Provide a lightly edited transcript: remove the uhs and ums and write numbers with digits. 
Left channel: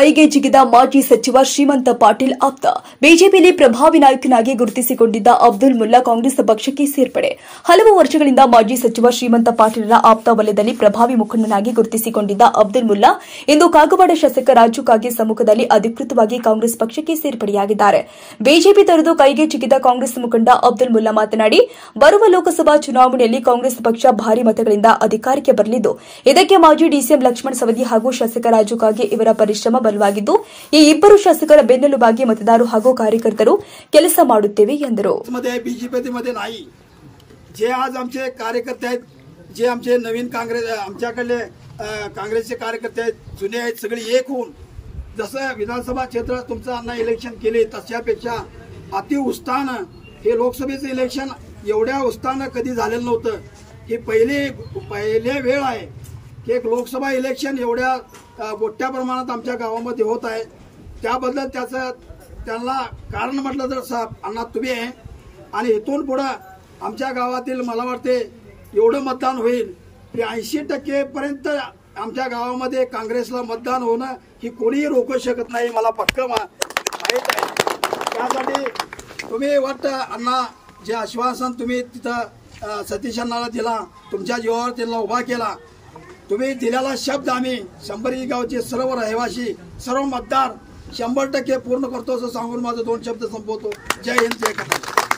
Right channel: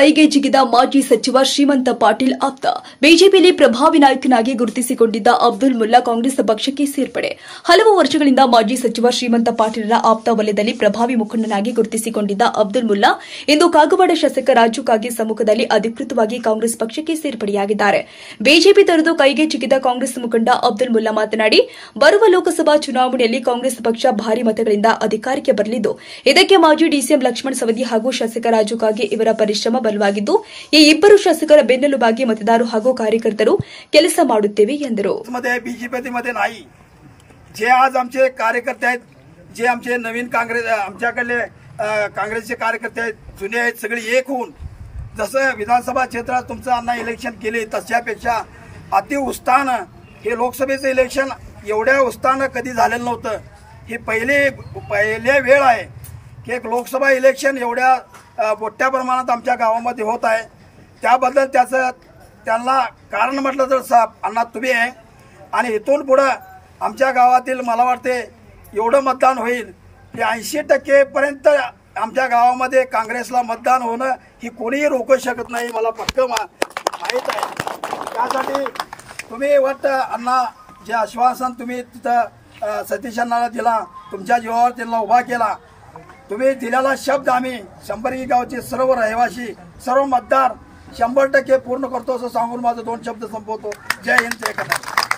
ಕೈಗೆ ಜಿಗಿದ ಮಾಜಿ ಸಚಿವ ಶ್ರೀಮಂತ ಪಾಟೀಲ್ ಆಪ್ತ ಬಿಜೆಪಿಯಲ್ಲಿ ಪ್ರಭಾವಿ ನಾಯಕನಾಗಿ ಗುರುತಿಸಿಕೊಂಡಿದ್ದ ಅಬ್ದುಲ್ ಮುಲ್ಲಾ ಕಾಂಗ್ರೆಸ್ ಪಕ್ಷಕ್ಕೆ ಸೇರ್ಪಡೆ. ಹಲವು ವರ್ಷಗಳಿಂದ ಮಾಜಿ ಸಚಿವ ಶ್ರೀಮಂತ ಪಾಟೀಲರ ಆಪ್ತ ವಲಯದಲ್ಲಿ ಪ್ರಭಾವಿ ಮುಖಂಡನಾಗಿ ಗುರುತಿಸಿಕೊಂಡಿದ್ದ ಅಬ್ದುಲ್ ಮುಲ್ಲಾ ಇಂದು ಕಾಗವಾಡ ಶಾಸಕ ರಾಜು ಕಾಗೆ ಸಮ್ಮುಖದಲ್ಲಿ ಅಧಿಕೃತವಾಗಿ ಕಾಂಗ್ರೆಸ್ ಪಕ್ಷಕ್ಕೆ ಸೇರ್ಪಡೆಯಾಗಿದ್ದಾರೆ. ಬಿಜೆಪಿ ತೊರೆದು ಕೈಗೆ ಜಿಗಿದ ಕಾಂಗ್ರೆಸ್ ಮುಖಂಡ ಅಬ್ದುಲ್ ಮುಲ್ಲಾ ಮಾತನಾಡಿ, ಬರುವ ಲೋಕಸಭಾ ಚುನಾವಣೆಯಲ್ಲಿ ಕಾಂಗ್ರೆಸ್ ಪಕ್ಷ ಭಾರಿ ಮತಗಳಿಂದ ಅಧಿಕಾರಕ್ಕೆ ಬರಲಿದ್ದು, ಇದಕ್ಕೆ ಮಾಜಿ ಡಿಸಿಎಂ ಲಕ್ಷ್ಮಣ ಸವದಿ ಹಾಗೂ ಶಾಸಕ ರಾಜು ಕಾಗೆ ಇವರ ಪರಿಶ್ರಮ ಬಲವಾಗಿದ್ದು, ಈ ಇಬ್ಬರು ಶಾಸಕರ ಬೆನ್ನೆಲುಬಾಗಿ ಮತದಾರರು ಹಾಗೂ ಕಾರ್ಯಕರ್ತರು ಕೆಲಸ ಮಾಡುತ್ತೇವೆ ಎಂದರು. बीजेपीमध्ये नाही, जे आज आमचे कार्यकर्ते आहेत, जे आमचे नवीन काँग्रेस आमच्याकडले काँग्रेसचे कार्यकर्ते आहेत, जुने आहेत, सगळे एक होऊन जसं विधानसभा क्षेत्रात तुमचं अण्णा इलेक्शन केले तशापेक्षा अति उत्साहानं हे लोकसभेचं इलेक्शन एवढ्या उत्साहानं कधी झालेलं नव्हतं. ही पहिले वेळ आहे की एक लोकसभा इलेक्शन एवढ्या मोठ्या प्रमाणात आमच्या गावामध्ये होत आहे. त्याबद्दल त्यांना कारण म्हटलं तर अण्णा तुम्ही आहे आणि इथून पुढे आमच्या गावातील मला वाटते एवढं मतदान होईल की 80% पर्यंत आमच्या गावामध्ये काँग्रेसला मतदान होणं ही कोणीही रोखू शकत नाही, मला पक्क माहित आहे. त्यासाठी तुम्ही वाटतं अण्णा जे आश्वासन तुम्ही तिथं सतीश अण्णाला दिला, तुमच्या जीवावर त्यांना उभा केला, तुम्ही दिलेला शब्द आम्ही शंभरगी गावचे सर्व रहिवासी सर्व मतदार 100% पूर्ण करतो असं सांगून माझे 2 शब्द संपवतो. जय हिंद, जय कर्नाटक.